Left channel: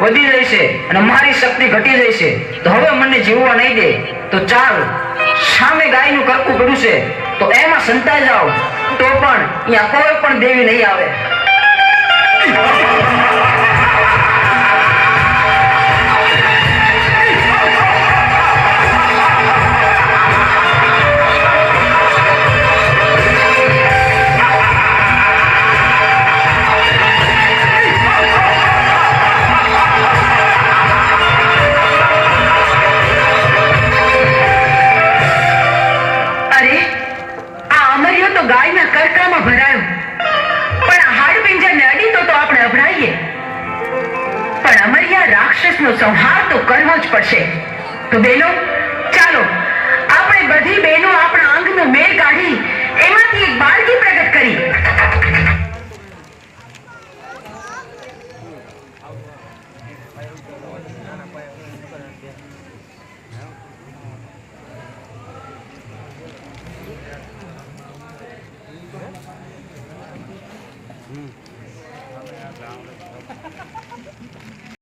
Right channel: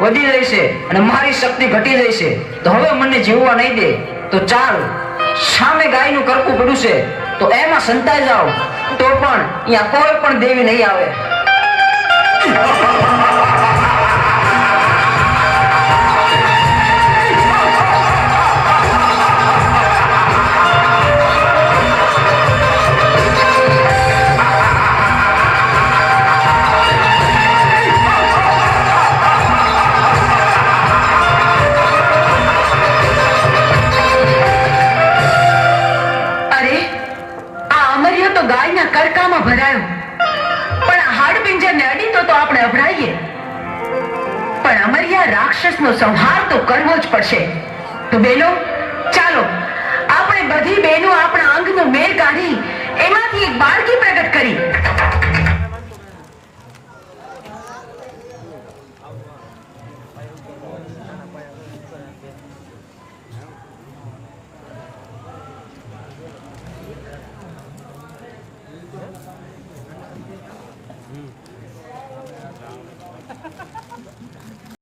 વધી જાય છે અને મારી શક્તિ ઘટી જાય છે. તો હવે મને જીવવા નહીં દે. તો ચાલ, સામે ગાયનું કરકું પડ્યું છે. તો એમાં સંતાઈ જાઓ. તો પણ અહીંયા કોઈ પણ દેવી નહીં આવે. તો કરકામાં ભરાયો. પણ આ ને અડી તો આપણે અભરાઈએ. પણ અમરિયા રાક્ષસનો સંહાર તો કરવો જ પડશે. તો બેનો, ચાલો, આપણે બધી બહેનો